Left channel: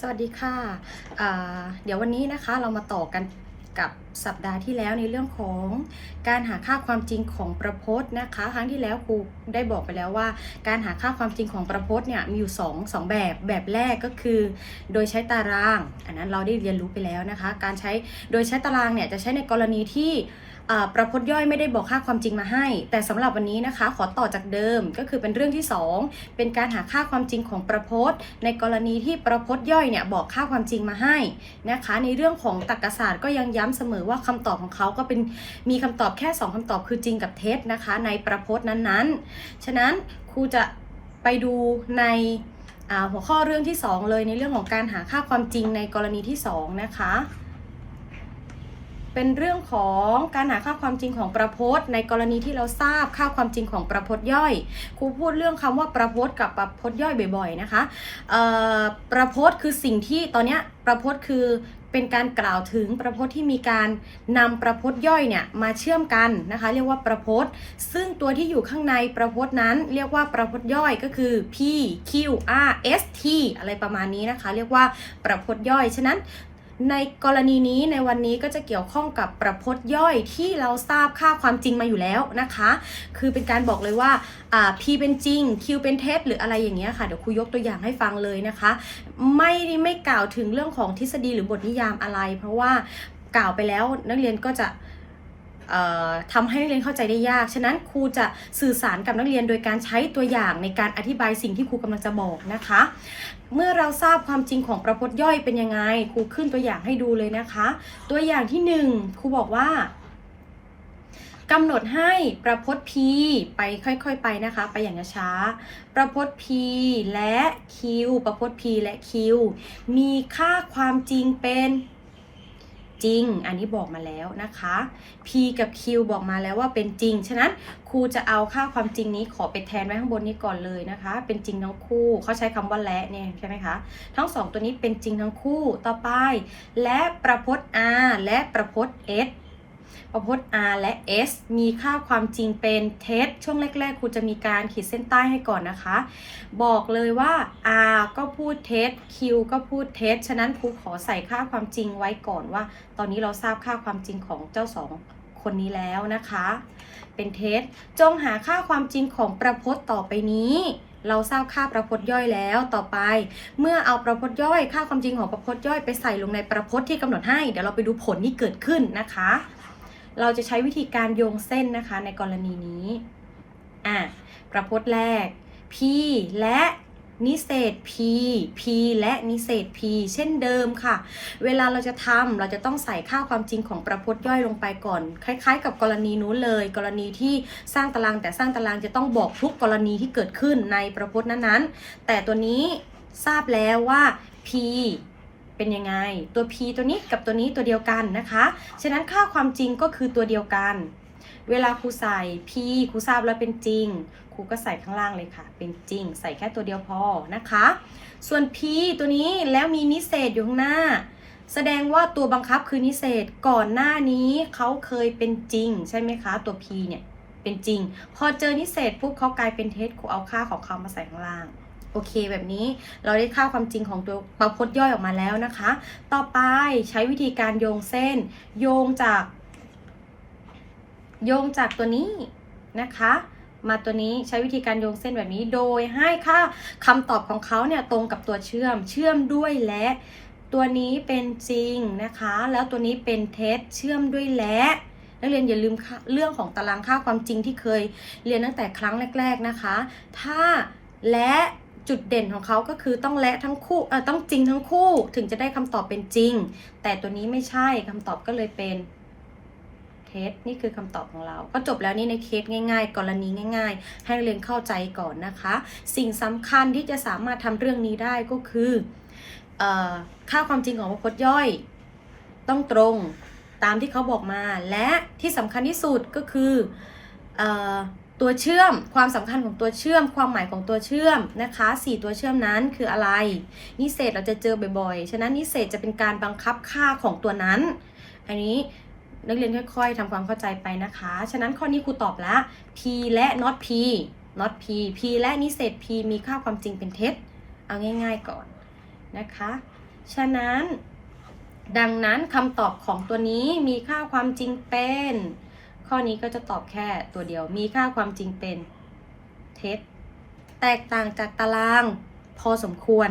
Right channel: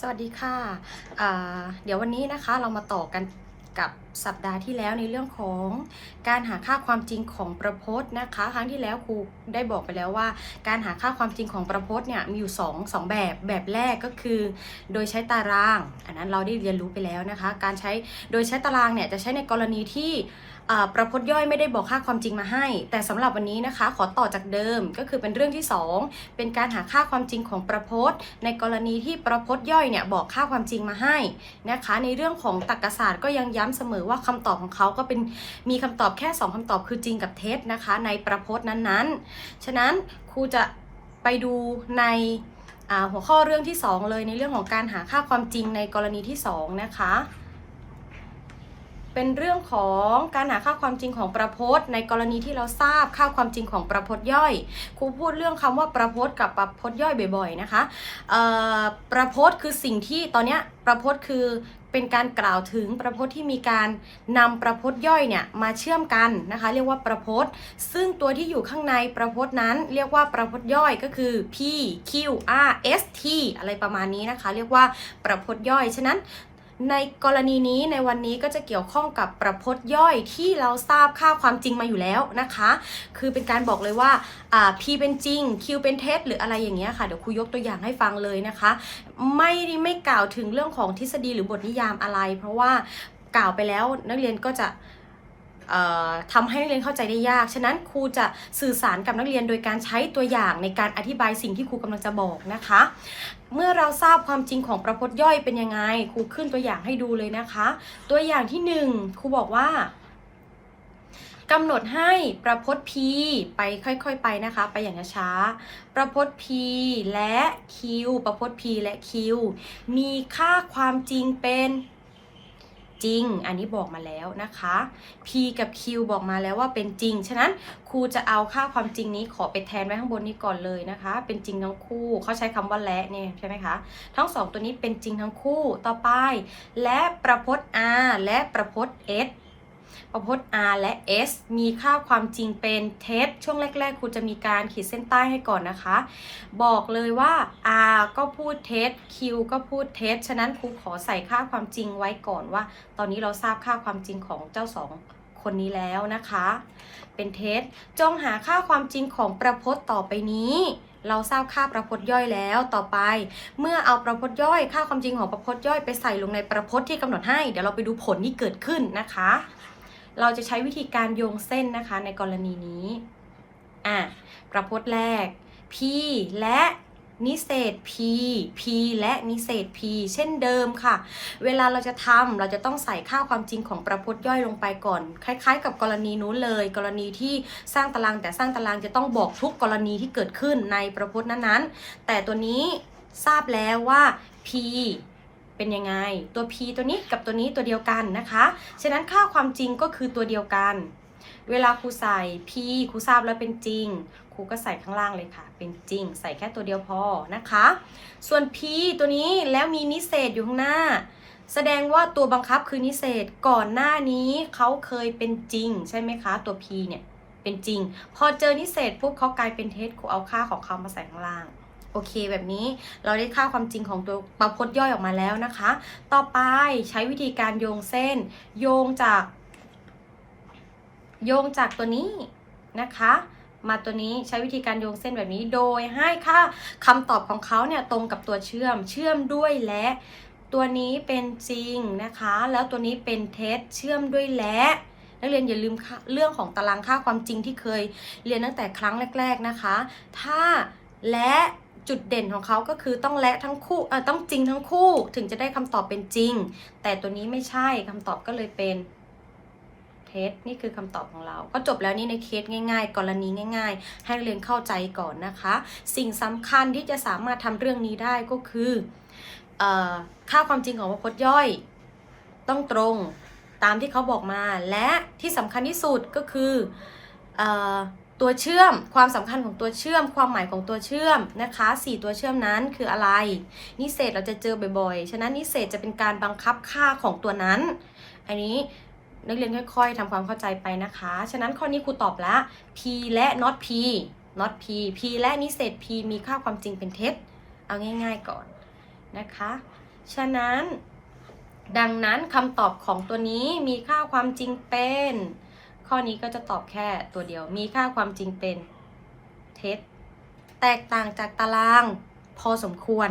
สวัสดีค่ะอ่าเดี๋ยววันนี้นะคะเรามาต่อกันกับสัปดาห์ที่แล้วในเรื่องของการหาค่าความจริงของประพจน์นะคะ ครั้งที่แล้วครูได้บอกไปแล้วว่า การหาค่าความจริงของประพจน์เนี่ยมีอยู่2 2แบบแบบแรกก็คือ โดยใช้ตาราง อันนั้นเราได้เรียนรู้ไปแล้วนะคะ การใช้โดยใช้ตารางเนี่ยจะใช้ในกรณีที่ ประพจน์ย่อยไม่ได้บอกค่าความจริงมาให้ แต่สำหรับวันนี้นะคะ ขอต่อจากเดิมก็คือเป็นเรื่องที่ 2 เป็นการหาค่าความจริงของประพจน์ ในกรณีที่ประพจน์ย่อยเนี่ยบอกค่าความจริงมาให้นะคะ ในเรื่องของตรรกศาสตร์ก็ยังย้ำเสมอว่าคำตอบของเขาก็เป็นมีคำตอบแค่ 2คำตอบคือจริงกับเท็จนะคะ ในประพจน์นั้นๆ ฉะนั้นครูจะไปดูในหัวข้อเรื่องที่ 2 เลยในเรื่องของการหาค่าความจริงในกรณีที่ 2 นะคะ เป็นเรื่องของการหาค่าความจริงของประพจน์ ในกรณีที่เราทราบค่าความจริงของประพจน์ย่อย ครูพูดเรื่องคำว่าประพจน์กับประพจน์ย่อยบ่อย ๆนะคะประพจน์คือสิ่งที่ตอนนี้ประพจน์คือเป็นการกล่าวถึงประพจน์ที่มีการนำประพจน์ย่อยเนี่ยมาเชื่อมกันนะคะเรียกว่าประพจน์ ซึ่งตัวที่อยู่ข้างในประพจน์นั้น เรียกว่าประพจน์ย่อยก็คือ P Q R S T อะไรประมาณนี้นะคะ เรียกว่าประพจน์ย่อย ฉะนั้น ในกรณีนี้ในวันนี้ก็จะเกี่ยวข้องกับประพจน์ย่อยที่เราทราบค่าความจริงมาอยู่แล้วนะคะ คือเป็นการบอกเลยว่าอ่า P เป็นจริง Q เป็นเท็จหรืออะไรอย่างเงี้ยค่ะเดี๋ยวครูยกตัวอย่างให้ฟังเลยนะคะ ไม่ไม่กล่าวถึงเรื่องของทฤษฎีหรือบทนิยามอะไร เพราะว่ากล่าวไปแล้วนักเรียนก็จะ ทำให้นักเรียนเข้าใจได้ยาก ฉะนั้นครูจะสื่อสารกับนักเรียนโดยการใช้ตัวอย่างในการอธิบายสิ่งที่ครูกำลังจะบอกนะคะ เมื่อเราทราบความจริงของประพจน์ย่อยเป็นยังไง ครูขึ้นตัวอย่างให้ดูเลยนะคะ ตัวอย่างที่หนึ่งครูบอกว่ากำหนดให้ประพจน์ P ไปค่อยๆไปนะคะ ไปอย่างช้า ประพจน์ P และ Q ประพจน์ P และ Q มีค่าความจริงเป็น จริง อันนี้บอกมาแล้วนะคะ P กับ Q บอกมาแล้วว่าเป็นจริง ฉะนั้นครูจะเอาค่าความจริงนี้ขอไปแทนไว้ข้างบนนี้ก่อนเลยนะคะ เป็นจริงทั้งคู่เขาใช้คำว่าและเนี่ยใช่ไหมคะทั้งสองตัวนี้เป็นจริงทั้งคู่ต่อไป และประพจน์ R และประพจน์ S ประพจน์ R และ S มีค่าความจริงเป็นเท็จช่วงแรก ๆ ครูจะมีการขีดเส้นใต้ให้ก่อนนะคะ บอกเลยว่า R ก็พูดเท็จ Q ก็พูดเท็จ ฉะนั้นครูขอใส่ค่าความจริงไว้ก่อนว่า ตอนนี้เราทราบค่าความจริงของเจ้าสองคนนี้แล้วนะคะ เป็นเท็จ จงหาค่าความจริงของประพจน์ต่อไปนี้เราทราบค่าประพจน์ย่อยแล้วต่อไป เมื่อเอาประพจน์ย่อย ค่าความจริงของประพจน์ย่อยไปใส่ลงในประพจน์ที่กำหนดให้ เดี๋ยวเราไปดูผลที่เกิดขึ้นนะคะ เราจะใช้วิธีการโยงเส้นนะคะในกรณีนี้อะประพจน์แรก P และนิเศษ P P และนิเศษ P เช่นเดิมค่ะ เวลาเราจะทำเราจะต้องใส่ค่าความจริงของประพจน์ย่อยลงไปก่อน คล้ายๆ กับกรณีนู้นเลย กรณีที่สร้างตารางแต่สร้างตารางจะต้องบอกทุกกรณีที่เกิดขึ้นในประพจน์นั้นๆ แต่ตัวนี้ทราบแล้วว่า P เป็นยังไง ตัว P ตัวนี้กับตัวนี้ตัวเดียวกันนะคะ ฉะนั้นค่าความจริงก็คือตัวเดียวกัน เวลาครูใส่ P ครูทราบแล้วเป็นจริง ครูก็ใส่ข้างล่างเลยค่ะ เป็นจริง ใส่แค่ตัวเดียวพอนะคะ ส่วน P ตัวนี้แล้วมีนิเศษอยู่ข้างหน้า แสดงว่าตัวบังคับคือนิเศษก่อนหน้านี้เขาเคยเป็นจริง ใช่ไหมคะ ตัว P เนี่ยเป็นจริง พอเจอนิเศษปุ๊บเขากลายเป็นเท็จครูเอาค่าของเขามาใส่ข้างล่าง โอเคแบบนี้เราได้ค่าความจริงของตัวประพจน์ย่อยออกมาแล้วนะคะ ต่อไปใช้วิธีการโยงเส้น โยงจาก โยงจากตัวนี้นะคะ มาตัวนี้ใช้วิธีการโยงเส้นแบบนี้ โดยให้ค่าคำตอบของเขาเนี่ยตรงกับตัวเชื่อม เชื่อมด้วยและตัวนี้เป็นจริงนะคะ แล้วตัวนี้เป็นเท็จเชื่อมด้วยและนักเรียนอย่าลืมค่ะเรื่องของตารางค่าความจริงที่เคยเรียนตั้งแต่ครั้งแรก ๆนะคะ ถ้าและ จุดเด่นของเขาก็คือต้องและทั้งคู่เออต้องจริงทั้งคู่ถึงจะได้คำตอบเป็นจริง แต่ตัวนี้ไม่ใช่คำตอบก็เลยเป็นเท็จนี่คือคำตอบของเรา ก็จบแล้วนี่ในเคสง่าย ๆ กรณีง่าย ๆ ให้เรียนเข้าใจก่อนนะคะ สิ่งสำคัญที่จะสามารถทำเรื่องนี้ได้ก็คือเอ่อค่าความจริงของประพจน์ย่อย ต้องตรงตามที่เขาบอกมาและที่สำคัญที่สุดก็คือเอ่อ ตัวเชื่อม ความสำคัญของตัวเชื่อม ความหมายของตัวเชื่อมนะคะสี่ตัวเชื่อมนั้นคืออะไร นิเศษเราจะเจอบ่อยๆ ฉะนั้นนิเศษจะเป็นการบังคับค่าของตัวนั้น อันนี้นักเรียนค่อยๆทำความเข้าใจไปนะคะ ฉะนั้นข้อนี้ครูตอบแล้ว p และ not p not p p และนิเศษ p มีค่าความจริงเป็นเท็จ เอาง่าย ๆก่อนนะคะ ฉะนั้น ดังนั้นคำตอบของตัวนี้มีค่าความจริงเป็น ข้อนี้ก็จะตอบแค่ตัวเดียว มีค่าความจริงเป็นเท็จ แตกต่างจากตารางพอสมควร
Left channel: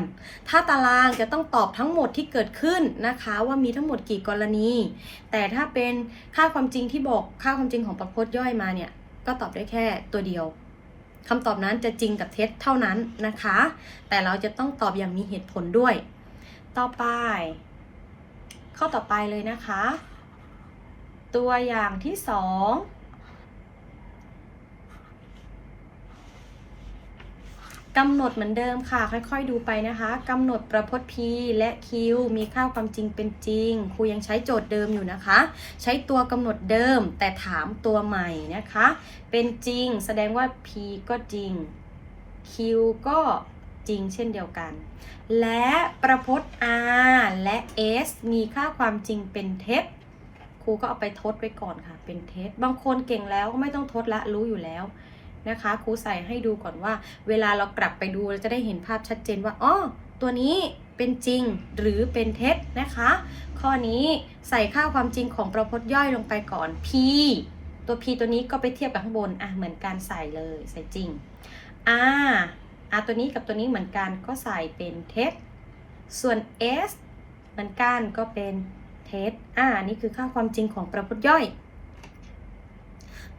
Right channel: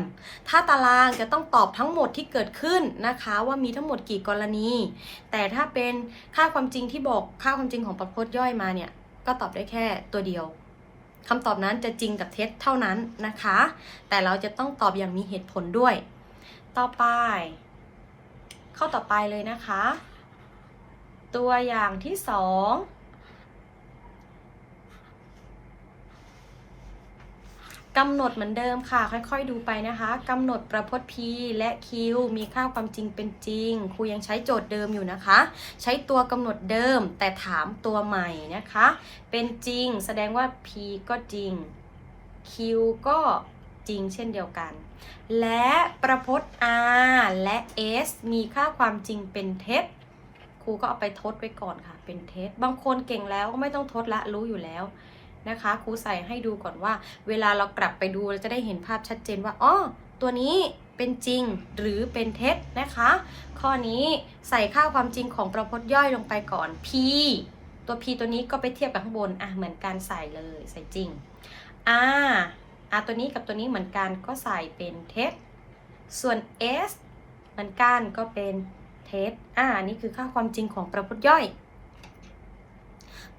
ถ้าตารางจะต้องตอบทั้งหมดที่เกิดขึ้นนะคะ ว่ามีทั้งหมดกี่กรณี แต่ถ้าเป็นค่าความจริงที่บอกค่าความจริงของประพจน์ย่อยมาเนี่ย ก็ตอบได้แค่ตัวเดียวคำตอบนั้นจะจริงกับเท็จเท่านั้นนะคะ แต่เราจะต้องตอบอย่างมีเหตุผลด้วย ต่อไป ข้อต่อไปเลยนะคะ ตัวอย่างที่สองกำหนดเหมือนเดิมค่ะ ค่อยๆดูไปนะคะกำหนดประพจน์ P และ Q มีค่าความจริงเป็นจริง ครูยังใช้โจทย์เดิมอยู่นะคะ ใช้ตัวกำหนดเดิมแต่ถามตัวใหม่นะคะ เป็นจริง แสดงว่า P ก็จริง Q ก็จริงเช่นเดียวกัน และประพจน์ R และ S มีค่าความจริงเป็นเท็จ ครูก็เอาไปทดไว้ก่อนค่ะ เป็นเท็จบางคนเก่งแล้วก็ไม่ต้องทดละรู้อยู่แล้วนะคะครูใส่ให้ดูก่อนว่า เวลาเรากลับไปดูเราจะได้เห็นภาพชัดเจนว่าอ๋อตัวนี้เป็นจริงหรือเป็นเท็จนะคะ ข้อนี้ใส่ค่าความจริงของประพจน์ย่อยลงไปก่อน P ตัว P ตัวนี้ก็ไปเทียบกับข้างบนอะเหมือนการใส่เลยใส่จริง R R ตัวนี้กับตัวนี้เหมือนกันก็ใส่เป็นเท็จส่วน S เหมือนกันก็เป็น ท็จอ่านี่คือค่าความจริงของประพจน์ย่อย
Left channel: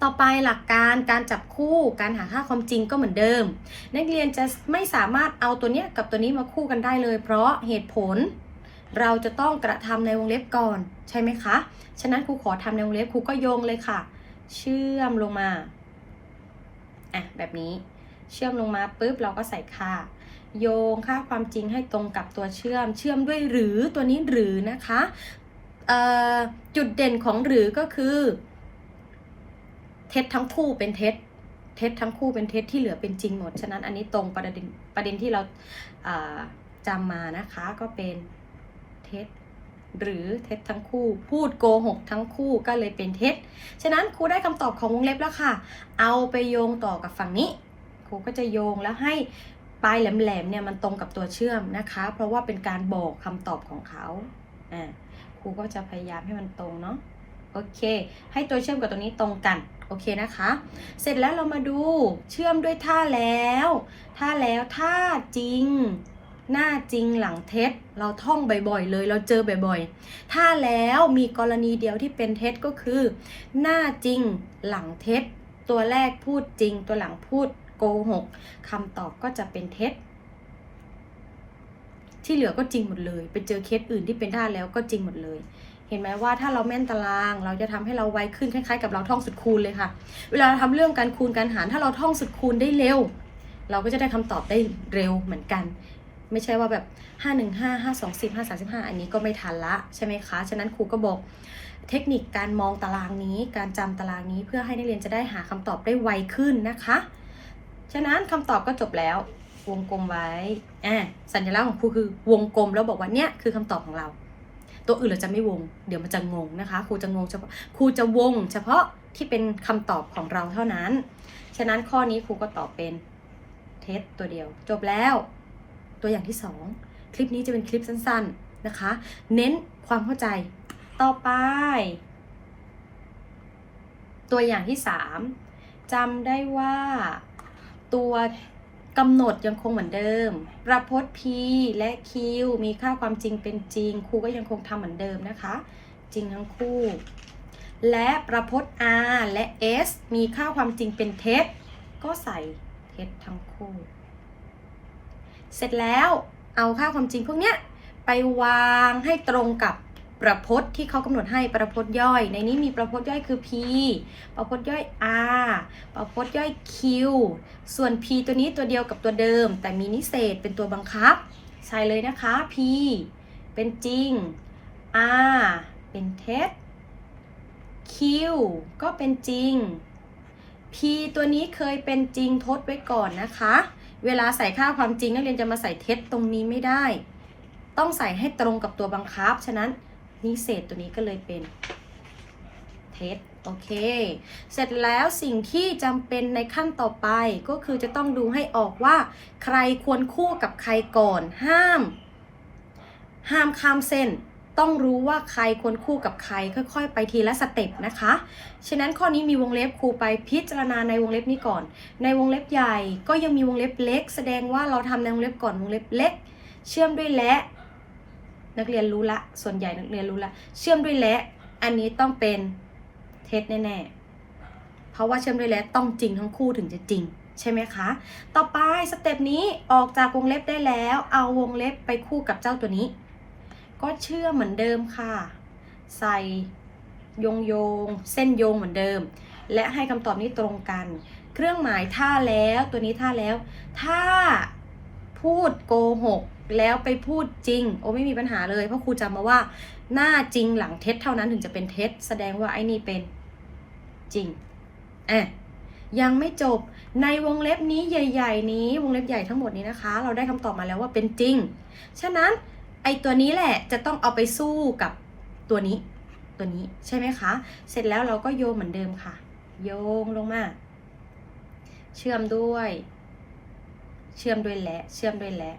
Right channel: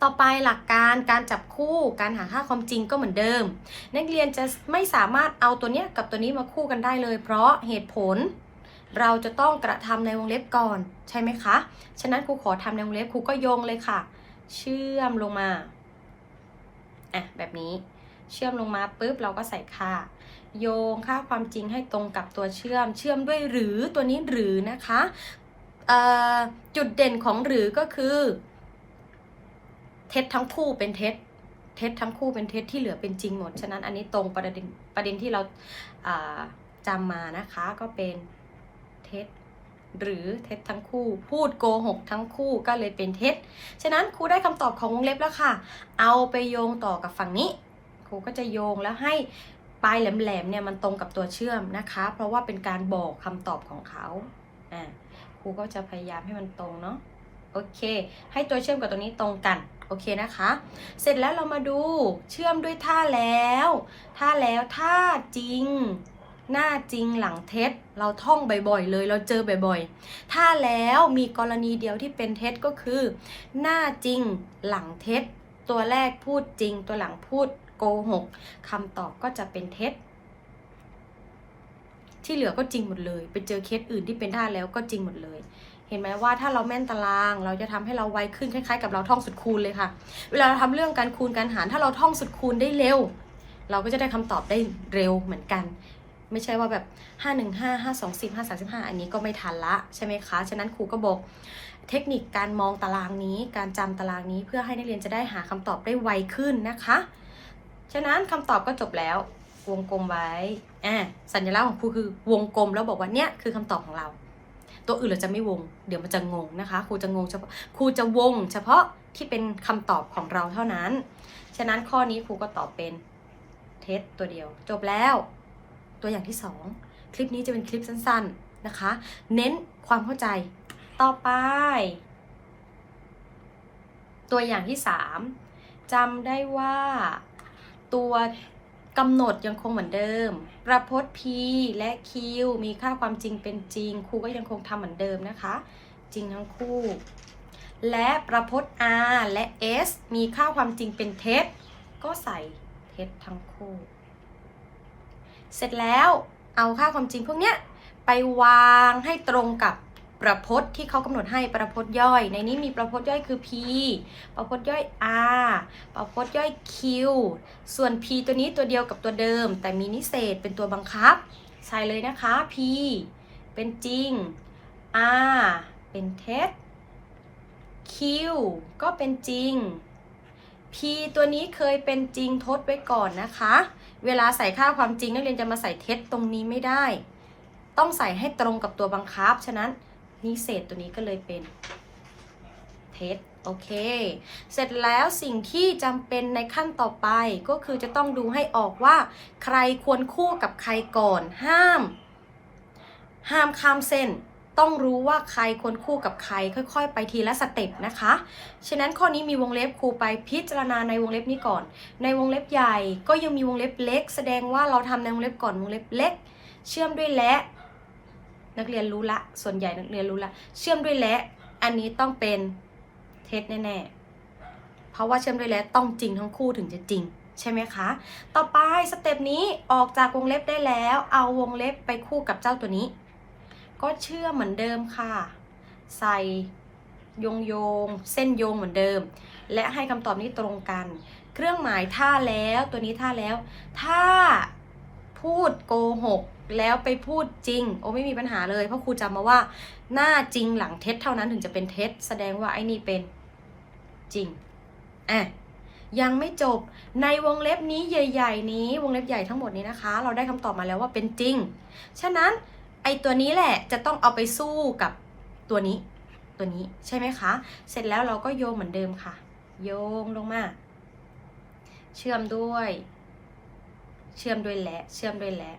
ต่อไปหลักการการจับคู่การหาค่าความจริงก็เหมือนเดิม นักเรียนจะไม่สามารถเอาตัวเนี้ยกับตัวนี้มาคู่กันได้เลย เพราะเหตุผลเราจะต้องกระทำในวงเล็บก่อนใช่ไหมคะ ฉะนั้นครูขอทำในวงเล็บครูก็โยงเลยค่ะ เชื่อมลงมา อะแบบนี้ เชื่อมลงมาปุ๊บเราก็ใส่ค่า โยงค่าความจริงให้ตรงกับตัวเชื่อม เชื่อมด้วยหรือตัวนี้หรือนะคะ จุดเด่นของหรือก็คือ เท็จทั้งคู่เป็นเท็จ เท็จทั้งคู่เป็นเท็จที่เหลือเป็นจริงหมด ฉะนั้นอันนี้ตรงประเด็นประเด็นที่เราจำมานะคะก็เป็นเท็จหรือเท็จทั้งคู่ พูดโกหกทั้งคู่ก็เลยเป็นเท็จ ฉะนั้นครูได้คำตอบของวงเล็บแล้วค่ะ เอาไปโยงต่อกับฝั่งนี้ ครูก็จะโยงแล้วให้ปลายแหลมๆเนี่ยมันตรงกับตัวเชื่อมนะคะ เพราะว่าเป็นการบอกคำตอบของเขาอ่า รูก็จะพยายามให้มันตรงเนาะโอเค ให้ตัวเชื่อมกับตัวนี้ตรงกันโอเคนะคะ เสร็จแล้วเรามาดูเชื่อมด้วยท่าแล้วท่าแล้วท่าจริง หน้าจริงหลังเท็จเราท่องบ่อยๆ เลยเราเจอบ่อยๆถ้าแล้วมีกรณีเดียวที่เป็นเท็จก็คือ หน้าจริงหลังเท็จตัวแรกพูดจริงตัวหลังพูดโกหกคำตอบก็จะเป็นเท็จ ที่เหลือก็จริงหมดเลย ไปเจอเคสอื่นที่เป็นท่าแล้วก็จริงหมดเลย เห็นไหมว่าถ้าเราแม่นตาราง เราจะทำให้เราไวขึ้นคล้ายๆ กับเราท่องสุดคูณเลยค่ะ เวลาเราทำเรื่องการคูณการหารถ้าเราท่องสุดคูณได้เร็ว เราก็จะได้คำตอบได้เร็วเหมือนกัน ไม่ใช่ว่าแบบ5 1 5 5 2 10 5 3 5 อันนี้ก็ไม่ทันละใช่ไหมคะฉะนั้นครูก็บอกเทคนิคการมองตารางนี้ การจำตารางนี้เพื่อให้นักเรียนจะได้หาคำตอบได้ไวขึ้นนะคะ ฉะนั้นคำตอบก็จบแล้ว วงกลมไว้อ่สัญลักษณ์ของครูคือวงกลมแล้วบอกว่าเนี่ยคือคำตอบของเรา ตัวอื่นเราจะไม่วง เดี๋ยวมันจะงงนะคะครูจะงงเฉพาะครูจะวง เฉพาะที่เป็นคำตอบของเราเท่านั้น ฉะนั้นข้อนี้ครูก็ตอบเป็นเท็จตัวเดียว จบแล้ว ตัวอย่างที่สองคลิปนี้จะเป็นคลิปสั้น ๆนะคะ เน้นความเข้าใจต่อไป ตัวอย่างที่สามจำได้ว่าตัว กำหนดยังคงเหมือนเดิม ประพจน์ P และ Q มีค่าความจริงเป็นจริง ครูก็ยังคงทำเหมือนเดิมนะคะ จริงทั้งคู่ และประพจน์ R และ S มีค่าความจริงเป็นเท็จ ก็ใส่เท็จทั้งคู่ เสร็จแล้วเอาค่าความจริงพวกเนี้ยไปวางให้ตรงกับ ประพจน์ที่เขากำหนดให้ประพจน์ย่อย ในนี้มีประพจน์ย่อยคือ P ประพจน์ย่อย R ประพจน์ย่อย Q ส่วน P ตัวนี้ตัวเดียวกับตัวเดิม แต่มีนิเศษเป็นตัวบังคับ ใส่เลยนะคะ P เป็นจริง R เป็นเท็จ Q ก็เป็นจริง P ตัวนี้เคยเป็นจริงทดไว้ก่อนนะคะ เวลาใส่ค่าความจริงนักเรียนจะมาใส่เท็จตรงนี้ไม่ได้ ต้องใส่ให้ตรงกับตัวบังคับ ฉะนั้น นิเศษตัวนี้ก็เลยเป็นเท็จโอเค เสร็จแล้วสิ่งที่จำเป็นในขั้นต่อไปก็คือจะต้องดูให้ออกว่า ใครควรคู่กับใครก่อนห้าม ห้ามข้ามเส้น ต้องรู้ว่าใครควรคู่กับใคร ค่อยๆ ไปทีละสเต็ปนะคะ ฉะนั้นข้อนี้มีวงเล็บครูไปพิจารณาในวงเล็บนี้ก่อน ในวงเล็บใหญ่ก็ยังมีวงเล็บเล็ก แสดงว่าเราทำในวงเล็บก่อนวงเล็บเล็ก เชื่อมด้วยและ นักเรียนรู้ละ ส่วนใหญ่นักเรียนรู้ละ เชื่อมด้วยและ อันนี้ต้องเป็นเท็จแน่ๆ เพราะว่าเชื่อมด้วยและต้องจริงทั้งคู่ถึงจะจริง ใช่ไหมคะ ต่อไปสเต็ปนี้ออกจากวงเล็บได้แล้ว เอาวงเล็บไปคู่กับเจ้าตัวนี้ ก็เชื่อเหมือนเดิมค่ะ ใส่โยงโยง เส้นโยงเหมือนเดิม และให้คำตอบนี้ตรงกัน เครื่องหมายท่าแล้วตัวนี้ท่าแล้ว ถ้าพูดโกหก แล้วไปพูดจริง โอ้ไม่มีปัญหาเลยเพราะครูจำมาว่า หน้าจริงหลังเท็จเท่านั้นถึงจะเป็นเท็จแสดงว่าไอ้นี่เป็นจริงอะยังไม่จบในวงเล็บนี้ใหญ่ ๆ นี้วงเล็บใหญ่ทั้งหมดนี้นะคะ เราได้คำตอบมาแล้วว่าเป็นจริง ฉะนั้นไอ้ตัวนี้แหละจะต้องเอาไปสู้กับตัวนี้ ตัวนี้ใช่ไหมคะ เสร็จแล้วเราก็โยงเหมือนเดิมค่ะ โยงลงมา เชื่อมด้วย เชื่อมด้วยและ เชื่อมด้วยและ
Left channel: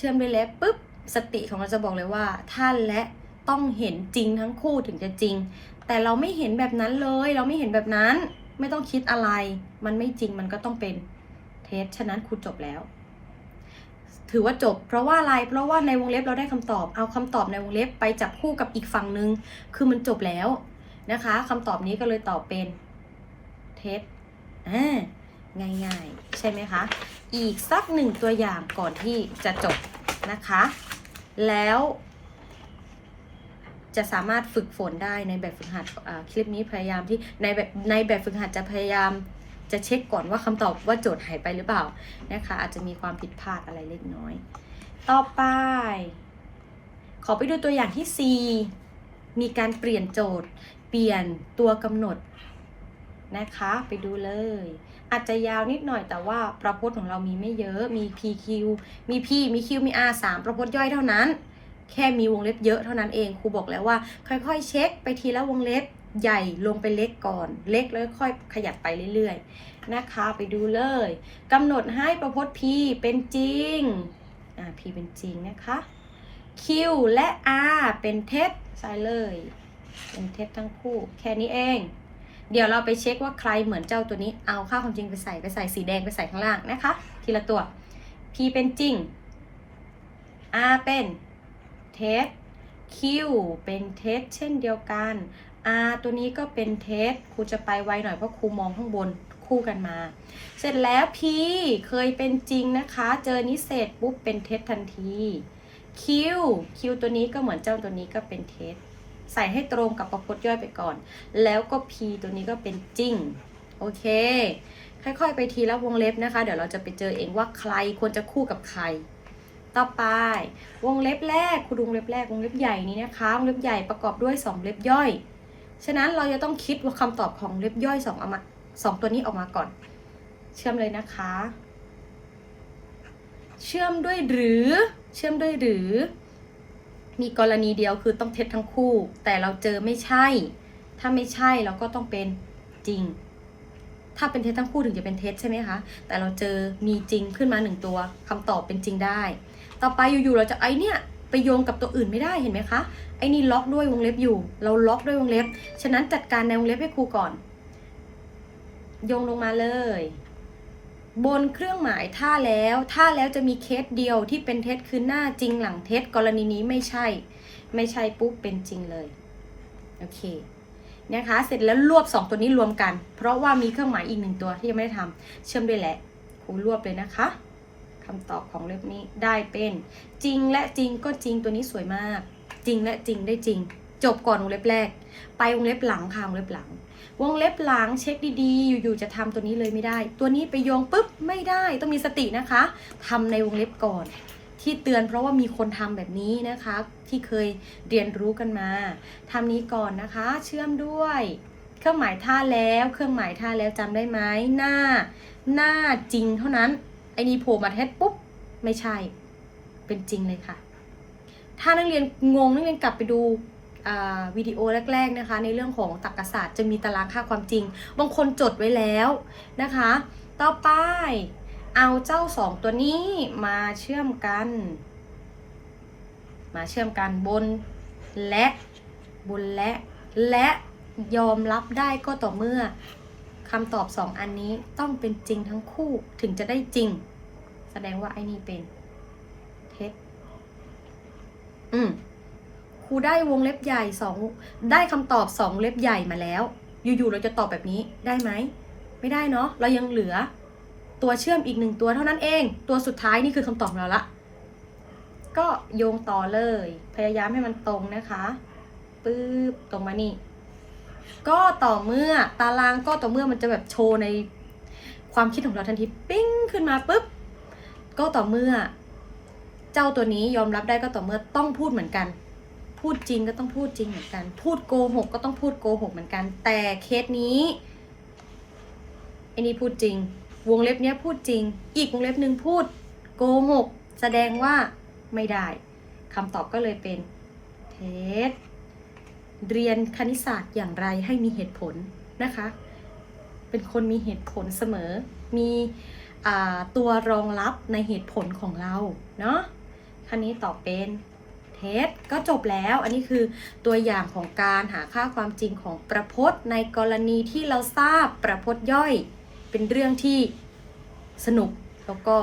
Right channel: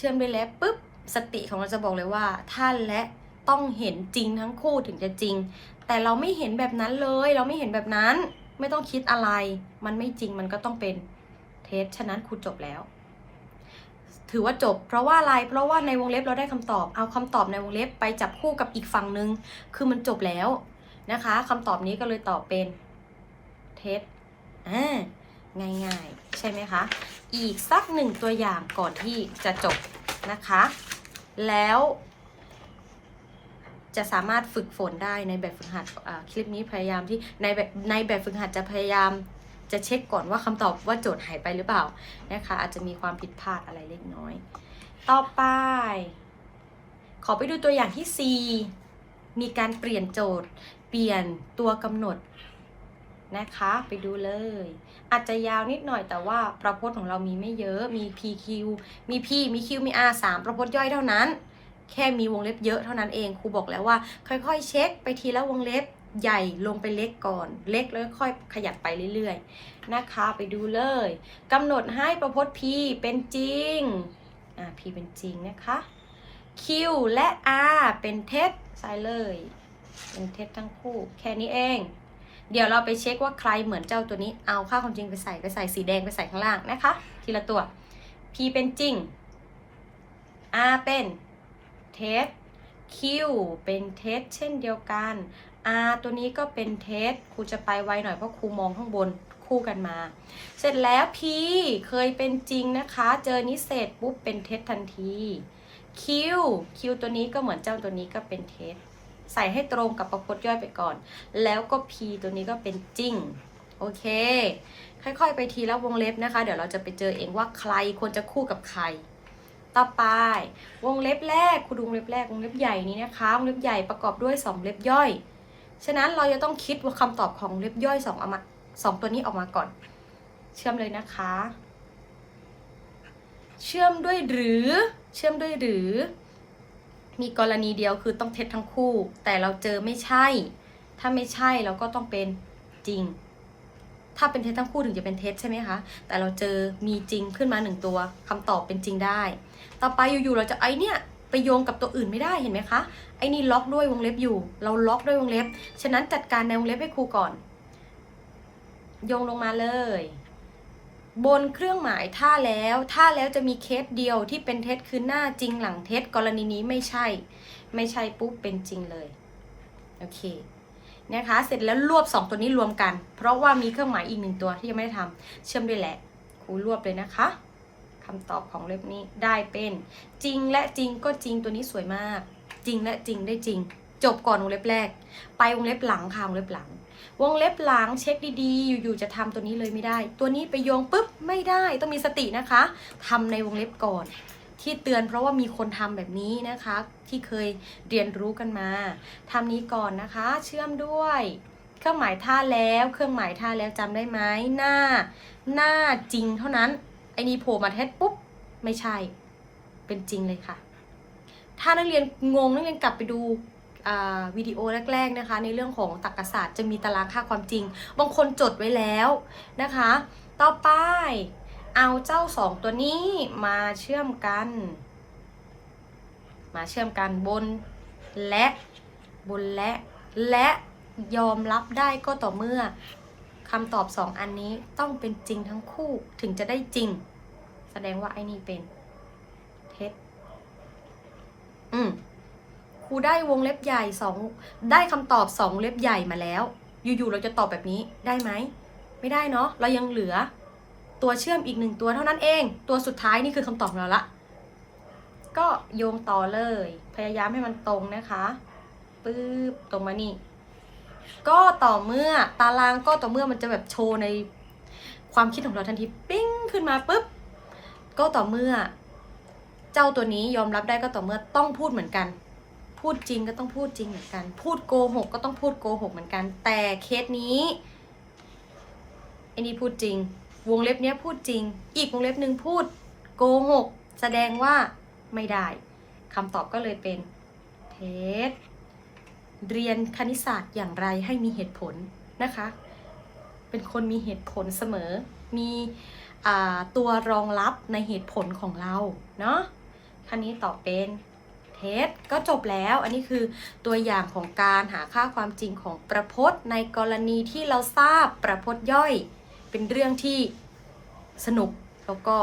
เชื่อมด้วยและปุ๊บสติของเราจะบอกเลยว่า ท่านและต้องเห็นจริงทั้งคู่ถึงจะจริง แต่เราไม่เห็นแบบนั้นเลย เราไม่เห็นแบบนั้น ไม่ต้องคิดอะไร มันไม่จริงมันก็ต้องเป็นเท็จฉะนั้นครูจบแล้ว ถือว่าจบ เพราะว่าอะไรเพราะว่าในวงเล็บเราได้คำตอบ เอาคำตอบในวงเล็บไปจับคู่กับอีกฝั่งหนึ่งคือมันจบแล้วนะคะคำตอบนี้ก็เลยตอบเป็นเท็จอ่าง่ายๆ ใช่ไหมคะ อีกสักหนึ่งตัวอย่างก่อนที่จะจบนะคะ แล้ว จะสามารถฝึกฝนได้ในแบบฝึกหัดคลิปนี้พยายามที่ในแบบในแบบฝึกหัดจะพยายามจะเช็คก่อนว่าคำตอบว่าโจทย์หายไปหรือเปล่านะคะ อาจจะมีความผิดพลาดอะไรเล็กน้อย ต่อไป ขอไปดูตัวอย่างที่ 4 มีการเปลี่ยนโจทย์ เปลี่ยนตัวกำหนดนะคะ ไปดูเลย อาจจะยาวนิดหน่อยแต่ว่าประพจน์ของเรามีไม่เยอะ มี PQ มี P มี Q มี R 3ประพจน์ย่อยเท่านั้น แค่มีวงเล็บเยอะเท่านั้นเอง ครูบอกแล้วว่า ค่อยๆ เช็คไปทีละวงเล็บใหญ่ลงไปเล็กก่อน เล็กแล้วค่อยขยับไปเรื่อยๆ นะคะไปดูเลยกำหนดให้ประพจน์ P เป็นจริงอ่า P เป็นจริงนะคะ Q และ R เป็นเท็จใส่เลย เป็นเท็จทั้งคู่ แค่นี้เอง เดี๋ยวเราไปเช็คว่าใครเหมือนเจ้าตัวนี้ เอาค่าความจริงไปใส่ไปใส่สีแดงไปใส่ข้างล่างนะคะ ทีละตัว P เป็นจริง R เป็นเท็จ Q เป็นเท็จเช่นเดียวกัน R ตัวนี้ก็เป็นเท็จครูจะไปไวหน่อยเพราะครูมองข้างบนคู่กันมา เสร็จแล้ว P เคยเป็นจริงนะคะ เจอนี้เสร็จปุ๊บเป็นเท็จทันที Q Q ตัวนี้ก็เหมือนเจ้าตัวนี้ก็เป็นเท็จ ใส่ให้ตรงกับประพจน์ย่อยไปก่อน แล้วก็ P ตัวนี้ก็เป็นจริง โอเค ค่อยๆ ไปทีละวงเล็บนะคะ เดี๋ยวเราจะไปเจอเองว่าใครควรจะคู่กับใคร ต่อไป วงเล็บแรกครูดูวงเล็บแรกวงเล็บใหญ่นี้นะคะ วงเล็บใหญ่ประกอบด้วย 2 เล็บย่อย ฉะนั้นเราจะต้องคิดว่าคำตอบของเล็บย่อย2เอามาสองตัวนี้ออกมาก่อน เชื่อมเลยนะคะ เชื่อมด้วยหรือ เชื่อมด้วยหรือ มีกรณีเดียวคือต้องเท็จทั้งคู่ แต่เราเจอไม่ใช่ ถ้าไม่ใช่เราก็ต้องเป็นจริง ถ้าเป็นเท็จทั้งคู่ถึงจะเป็นเท็จใช่ไหมคะ แต่เราเจอมีจริงขึ้นมาหนึ่งตัวคำตอบเป็นจริงได้ ต่อไปอยู่ๆเราจะไอเนี่ยไปโยงกับตัวอื่นไม่ได้เห็นไหมคะไอ้นี่ล็อกด้วยวงเล็บอยู่ เราล็อกด้วยวงเล็บ ฉะนั้นจัดการในวงเล็บให้ครูก่อน โยงลงมาเลย บนเครื่องหมายท่าแล้วท่าแล้วจะมีเคสเดียวที่เป็นเท็จคือหน้าจริงหลังเท็จกรณีนี้ไม่ใช่ ไม่ใช่ปุ๊บเป็นจริงเลยโอเคนะคะ เสร็จแล้วรวบ 2 ตัวนี้รวมกัน เพราะว่ามีเครื่องหมายอีกหนึ่งตัวที่ยังไม่ได้ทำเชื่อมด้วยแหละครูรวบเลยนะคะคำตอบของเล็บนี้ได้เป็นจริงและจริงก็จริงตัวนี้สวยมาก จริงและจริงได้จริง จบก่อนวงเล็บแรก ไปวงเล็บหลังค่ะวงเล็บหลัง วงเล็บหลังเช็คดีๆ อยู่ๆจะทำตัวนี้เลยไม่ได้ ตัวนี้ไปโยงปุ๊บไม่ได้ต้องมีสตินะคะทำในวงเล็บก่อน ที่เตือนเพราะว่ามีคนทำแบบนี้นะคะ ที่เคยเรียนรู้กันมาทำนี้ก่อนนะคะ เชื่อมด้วย เครื่องหมายท่าแล้ว เครื่องหมายท่าแล้วจำได้ไหมหน้า หน้าจริงเท่านั้นไอ้นี่โผล่มาเท็จปุ๊บไม่ใช่ เป็นจริงเลยค่ะ ถ้านักเรียนงงนักเรียนกลับไปดู วิดีโอแรก ๆนะคะ ในเรื่องของตรรกศาสตร์จะมีตารางค่าความจริง บางคนจดไว้แล้วนะคะ ต่อไปเอาเจ้าสองตัวนี้มาเชื่อมกันมมาเชื่อมกันบนและบนและ และยอมรับได้ก็ต่อเมื่อคำตอบสองอันนี้ต้องเป็นจริงทั้งคู่ถึงจะได้จริง แสดงว่าไอ้นี่เป็นเท็จอืม ครูได้วงเล็บใหญ่สองได้คำตอบสองเล็บใหญ่มาแล้ว อยู่ๆเราจะตอบแบบนี้ได้ไหม ไม่ได้เนาะเรายังเหลือ ตัวเชื่อมอีกหนึ่งตัวเท่านั้นเอง ตัวสุดท้ายนี่คือคำตอบของเราละก็โยงต่อเลย พยายามให้มันตรงนะคะปื๊บตรงมานี่ ก็ต่อเมื่อตารางก็ต่อเมื่อมันจะแบบโชว์ในความคิดของเราทันทีปิ้งขึ้นมาปุ๊บก็ต่อเมื่อ เจ้าตัวนี้ยอมรับได้ก็ต่อเมื่อต้องพูดเหมือนกัน พูดจริงก็ต้องพูดจริงเหมือนกัน พูดโกหกก็ต้องพูดโกหกเหมือนกัน แต่เคสนี้ไอ้นี่พูดจริง วงเล็บเนี้ยพูดจริง อีกวงเล็บหนึ่งพูดโกหก แสดงว่าไม่ได้คำตอบก็เลยเป็นเท็จเรียนคณิตศาสตร์อย่างไรให้มีเหตุผลนะคะ เป็นคนมีเหตุผลเสมอ มีอ่าตัวรองรับในเหตุผลของเรา เนาะคันนี้ตอบเป็น เท็จก็จบแล้ว อันนี้คือตัวอย่างของการหาค่าความจริงของประพจน์ ในกรณีที่เราทราบประพจน์ย่อย เป็นเรื่องที่สนุกแล้วก็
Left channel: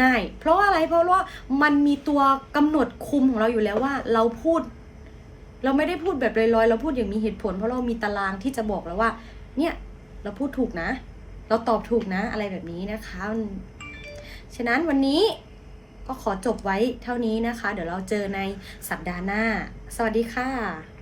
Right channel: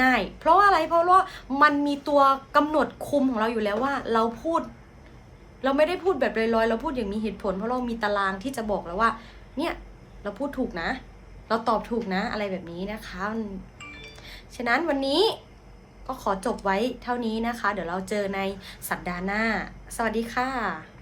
ง่าย เพราะอะไรเพราะว่ามันมีตัวกำหนดคุมของเราอยู่แล้วว่า เราพูด เราไม่ได้พูดแบบลอยๆเราพูดอย่างมีเหตุผล เพราะเรามีตารางที่จะบอกแล้วว่า เนี่ยเราพูดถูกนะ เราตอบถูกนะอะไรแบบนี้นะคะ ฉะนั้นวันนี้ ก็ขอจบไว้เท่านี้นะคะ เดี๋ยวเราเจอในสัปดาห์หน้า สวัสดีค่ะ